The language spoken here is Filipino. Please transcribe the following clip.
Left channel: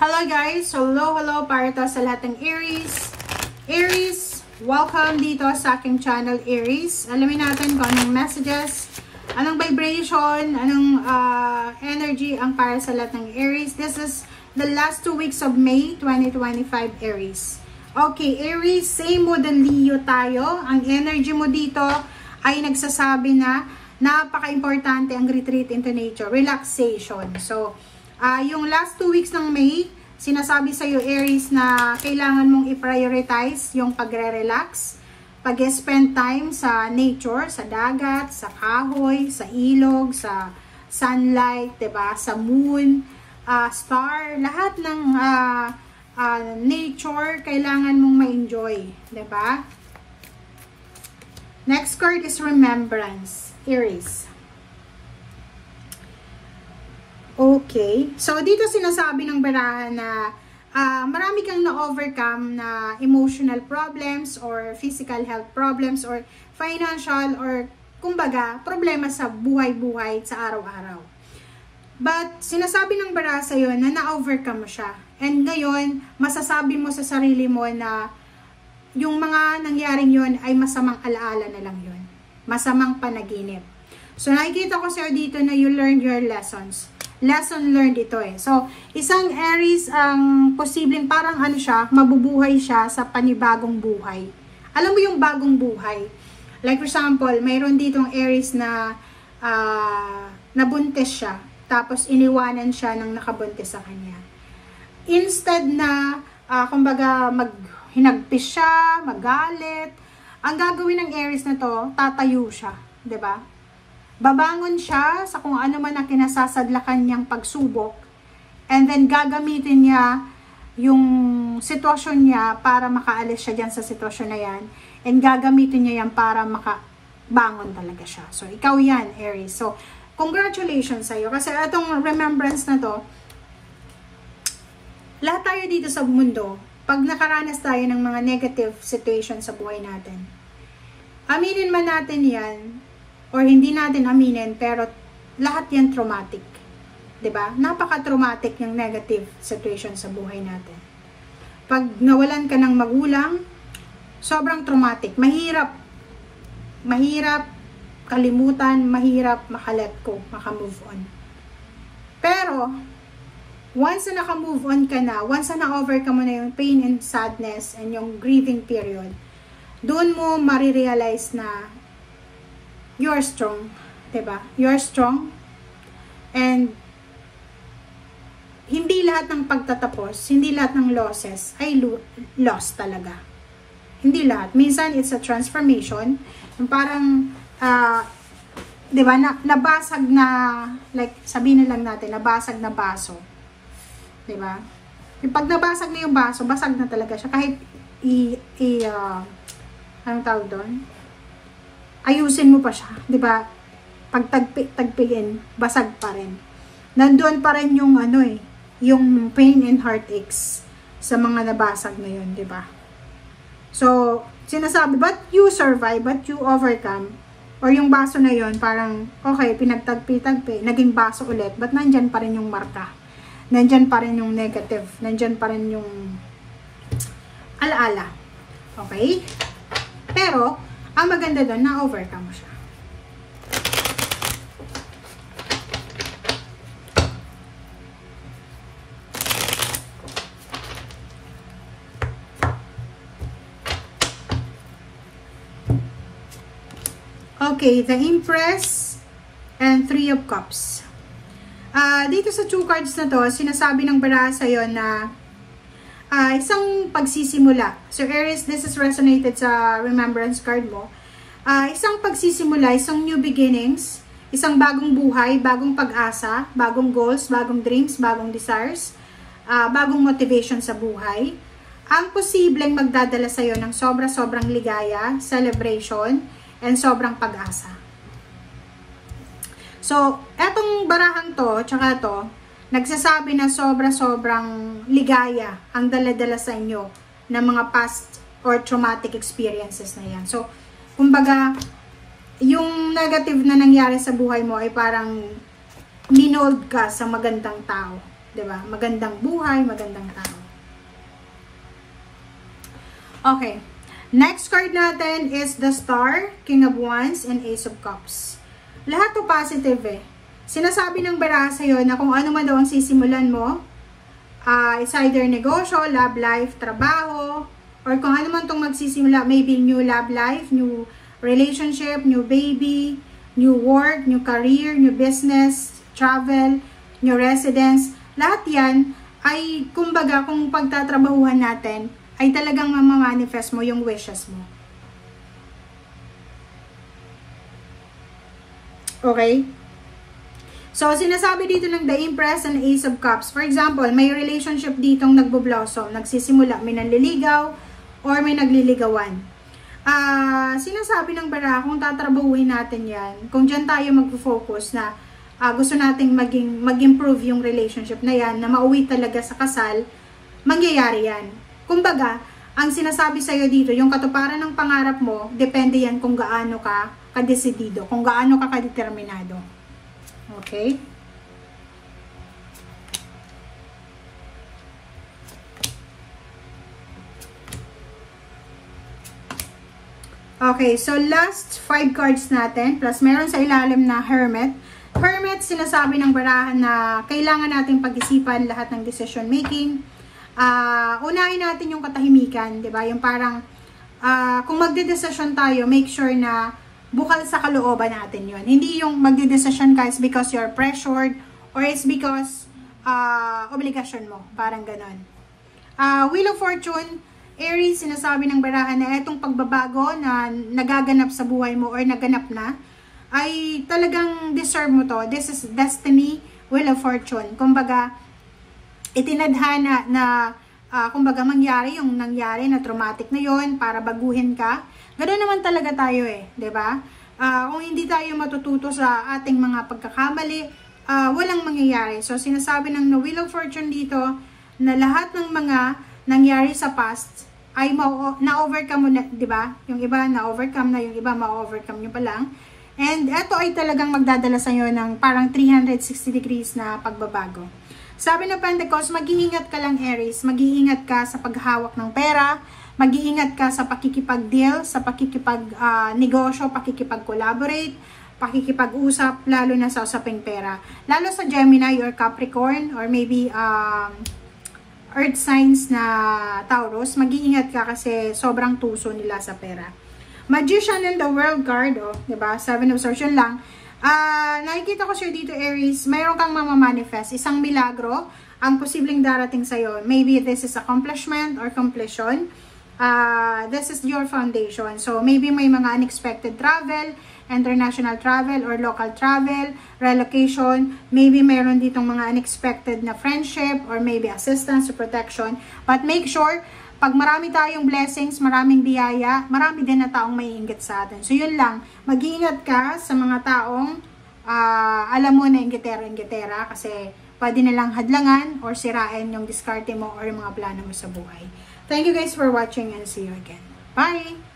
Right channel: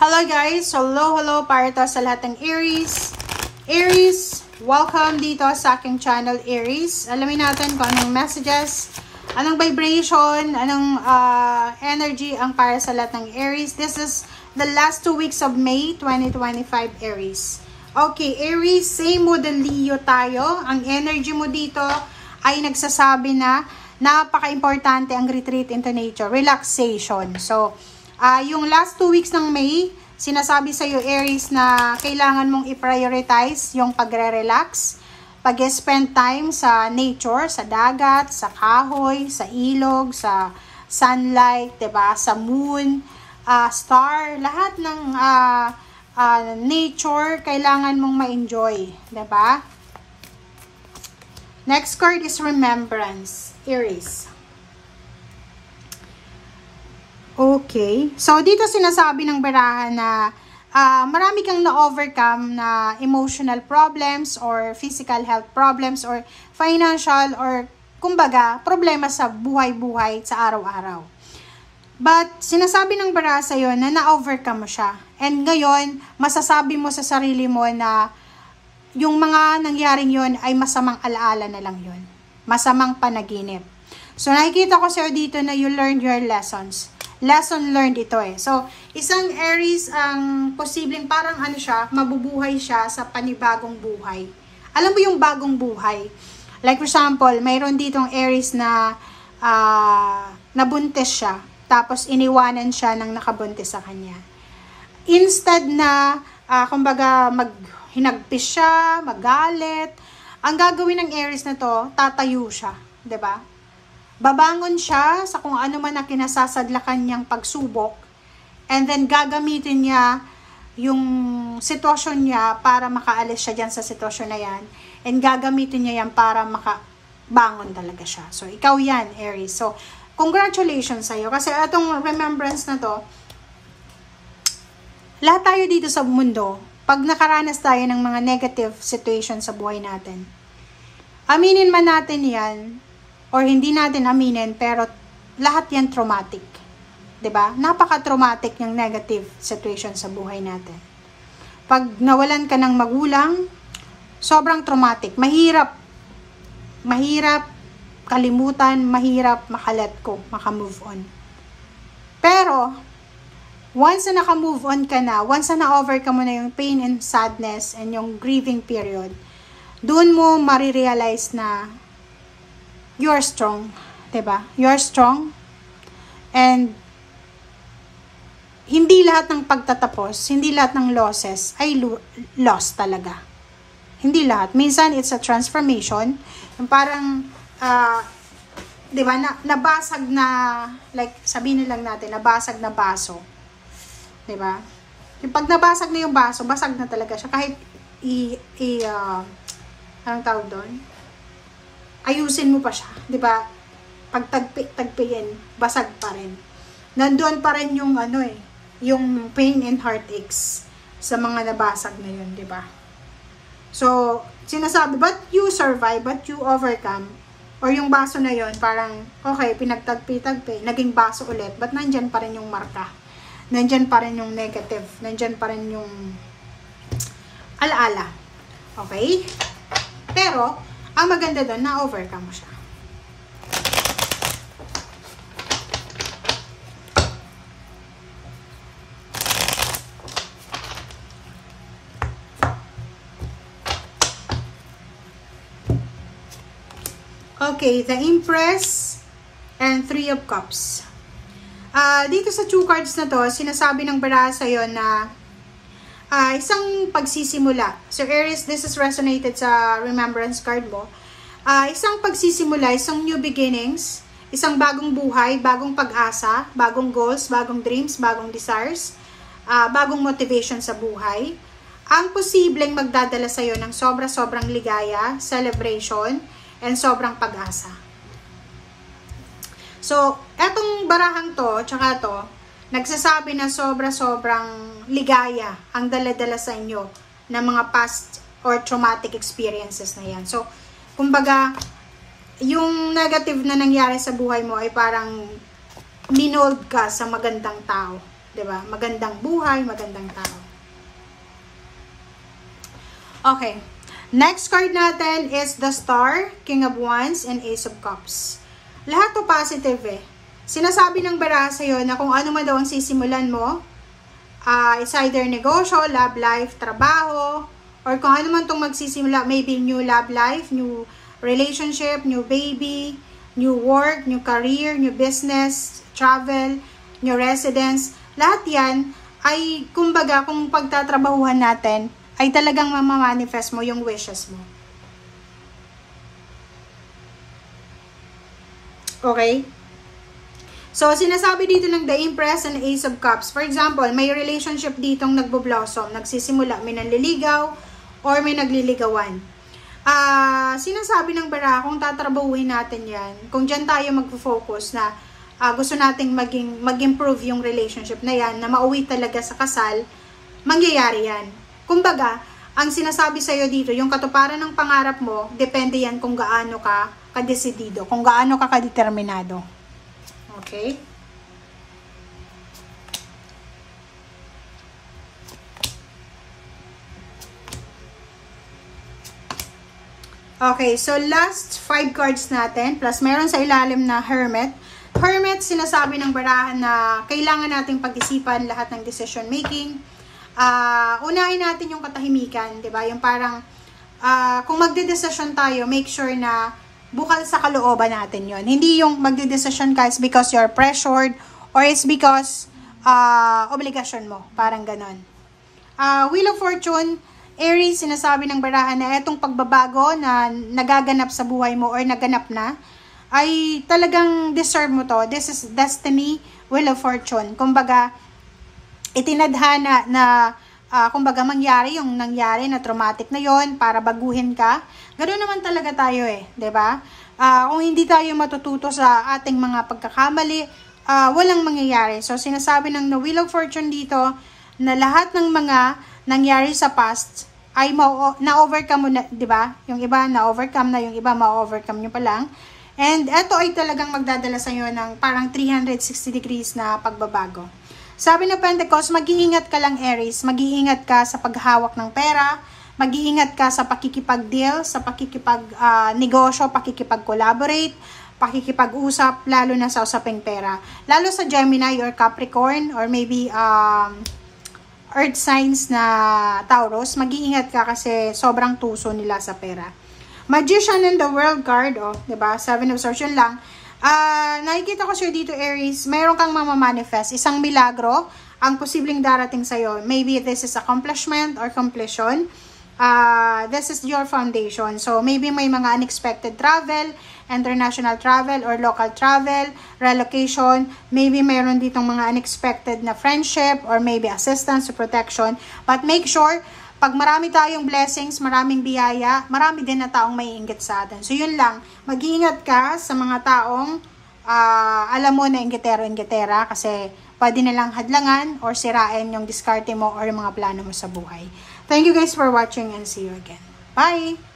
Hello guys! Hello para to sa lahat ng Aries. Aries, welcome dito sa aking channel Aries. Alamin natin kung anong messages, anong vibration, anong energy ang para sa lahat ng Aries. This is the last 2 weeks of May 2025 Aries. Okay, Aries, same mo than Leo tayo. Ang energy mo dito ay nagsasabi na napaka-importante ang retreat into nature, relaxation. So, yung last 2 weeks ng May, sinasabi sa iyo Aries na kailangan mong i-prioritize yung pagre-relax, pag-spend time sa nature, sa dagat, sa kahoy, sa ilog, sa sunlight, 'di ba? Sa moon, star, lahat ng nature kailangan mong ma-enjoy, 'di ba? Next card is remembrance, Aries. Okay. So, dito sinasabi ng barahan na marami kang na-overcome na emotional problems or physical health problems or financial or kumbaga, problema sa buhay-buhay sa araw-araw. But, sinasabi ng baraha sa'yo na na-overcome mo siya. And ngayon, masasabi mo sa sarili mo na yung mga nangyaring yun ay masamang alaala na lang yun. Masamang panaginip. So, nakikita ko sa'yo dito na you learned your lessons. Lesson learned ito eh. So, isang Aries ang posibleng parang ano siya, mabubuhay siya sa panibagong buhay. Alam mo yung bagong buhay? Like for example, mayroon ditong Aries na nabuntis siya. Tapos iniwanan siya ng nakabuntis sa kanya. Instead na, kumbaga, hinagpis siya, magalit, ang gagawin ng Aries na to, tatayo siya. 'Di ba? Babangon siya sa kung ano man ang kinasasadlakan niyang pagsubok and then gagamitin niya yung sitwasyon niya para makaalis siya dyan sa sitwasyon na yan and gagamitin niya yan para makabangon talaga siya. So, ikaw yan, Aries. So, congratulations sa'yo kasi itong remembrance na to, lahat tayo dito sa mundo, pag nakaranas tayo ng mga negative situation sa buhay natin, aminin man natin yan, or hindi natin aminin, pero lahat yan traumatic. 'Di ba? Napaka-traumatic yung negative situation sa buhay natin. Pag nawalan ka ng magulang, sobrang traumatic. Mahirap kalimutan, mahirap maka-let go, maka-move on. Pero, once na naka-move on ka na, once na na-overcome mo na yung pain and sadness and yung grieving period, doon mo marirealize na you're strong, diba? You're strong. And hindi lahat ng pagtatapos, hindi lahat ng losses ay loss talaga. Hindi lahat. Minsan, it's a transformation. Yung parang, diba, nabasag na, like, sabihin na lang natin, nabasag na baso. Diba? Yung pag nabasag na yung baso, basag na talaga siya. Kahit, anong tawag doon? Ayusin mo pa siya, 'di ba? Pag tagpiin, basag pa rin. Nandoon pa rin yung yung pain and heartaches sa mga nabasag na 'yon, 'di ba? So, sinasabi, but you survive, but you overcome. Or yung baso na 'yon, parang okay, pinagtagpi, naging baso ulit, but nandiyan pa rin yung marka. Nandiyan pa rin yung negative, nandiyan pa rin yung alaala. Okay? Pero ang maganda doon, na-overcome mo siya. Okay, the Empress and Three of Cups. Dito sa 2 cards na to, sinasabi ng baraha sa'yo na isang pagsisimula. So, Aries, this is resonated sa remembrance card mo. Isang pagsisimula, isang new beginnings, isang bagong buhay, bagong pag-asa, bagong goals, bagong dreams, bagong desires, bagong motivation sa buhay. Ang posibleng magdadala sa'yo ng sobra-sobrang ligaya, celebration, and sobrang pag-asa. So, etong barahang to, tsaka to, nagsasabi na sobra-sobrang ligaya ang dala-dala sa inyo ng mga past or traumatic experiences na yan. So, kumbaga, yung negative na nangyari sa buhay mo ay parang minold ka sa magandang tao. 'Diba? Magandang buhay, magandang tao. Okay. Next card natin is the Star, King of Wands, and Ace of Cups. Lahat to positive eh. Sinasabi ng baraha sa'yo na kung ano man daw ang sisimulan mo, it's either negosyo, love life, trabaho, or kung ano man itong magsisimula, maybe new love life, new relationship, new baby, new work, new career, new business, travel, new residence. Lahat yan ay, kumbaga, kung pagtatrabahuhan natin, ay talagang mamamanifest mo yung wishes mo. Okay? So, sinasabi dito ng The Empress and Ace of Cups. For example, may relationship ditong nagbo-blossom, nagsisimula, may nanliligaw, or may nagliligawan. Sinasabi ng baraha, kung tatrabahuin natin yan, kung dyan tayo mag-focus na gusto nating mag-improve yung relationship na yan, na mauwi talaga sa kasal, mangyayari yan. Kumbaga, ang sinasabi sa'yo dito, yung katuparan ng pangarap mo, depende yan kung gaano ka kadesidido, kung gaano ka kadeterminado. Okay? Okay, so last 5 cards natin, plus meron sa ilalim na Hermit. Hermit, sinasabi ng barahan na kailangan nating pag-isipan lahat ng decision making. Unahin natin yung katahimikan, 'di ba? Yung parang kung magde-decision tayo, make sure na bukal sa kalooban natin 'yon. Hindi yung magde-decision ka is because you're pressured or is because obligasyon mo, parang ganon. Wheel of Fortune, Aries, sinasabi ng barahan na itong pagbabago na nagaganap sa buhay mo or naganap na, ay talagang deserve mo to. This is destiny, Wheel of Fortune. Kumbaga, itinadhana na, kumbaga, mangyari yung nangyari na traumatic na yon para baguhin ka. Ganoon naman talaga tayo eh, 'di ba? Kung hindi tayo matututo sa ating mga pagkakamali, walang mangyayari. So, sinasabi ng Wheel of Fortune dito na lahat ng mga nangyari sa past ay na-overcome mo na, 'di ba? Yung iba na-overcome na, yung iba ma-overcome nyo pa lang. And ito ay talagang magdadala sa inyo ng parang 360 degrees na pagbabago. Sabi ng Pentecost, mag-iingat ka lang Aries, mag-iingat ka sa paghawak ng pera, mag-iingat ka sa pakikipag-deal, sa pakikipag-negosyo, pakikipag-collaborate, pakikipag-usap, lalo na sa usaping pera. Lalo sa Gemini or Capricorn or maybe Earth signs na Taurus, mag-iingat ka kasi sobrang tuso nila sa pera. Magician in the World card, oh, 'di ba? 7 of Swords yun lang. Nakikita ko siya dito Aries, mayroon kang mamamanifest, isang milagro ang posibleng darating sa iyo. Maybe this is accomplishment or completion. This is your foundation. So maybe may mga unexpected travel, international travel or local travel, relocation, maybe mayroon ditong mga unexpected na friendship or maybe assistance or protection. But make sure, pag marami tayong blessings, maraming biyaya, marami din na taong maiinggit sa atin. So yun lang, mag-iingat ka sa mga taong alam mo na inggitero-inggitera kasi pwede nilang hadlangan or sirain yung diskarte mo or yung mga plano mo sa buhay. Thank you guys for watching and see you again. Bye!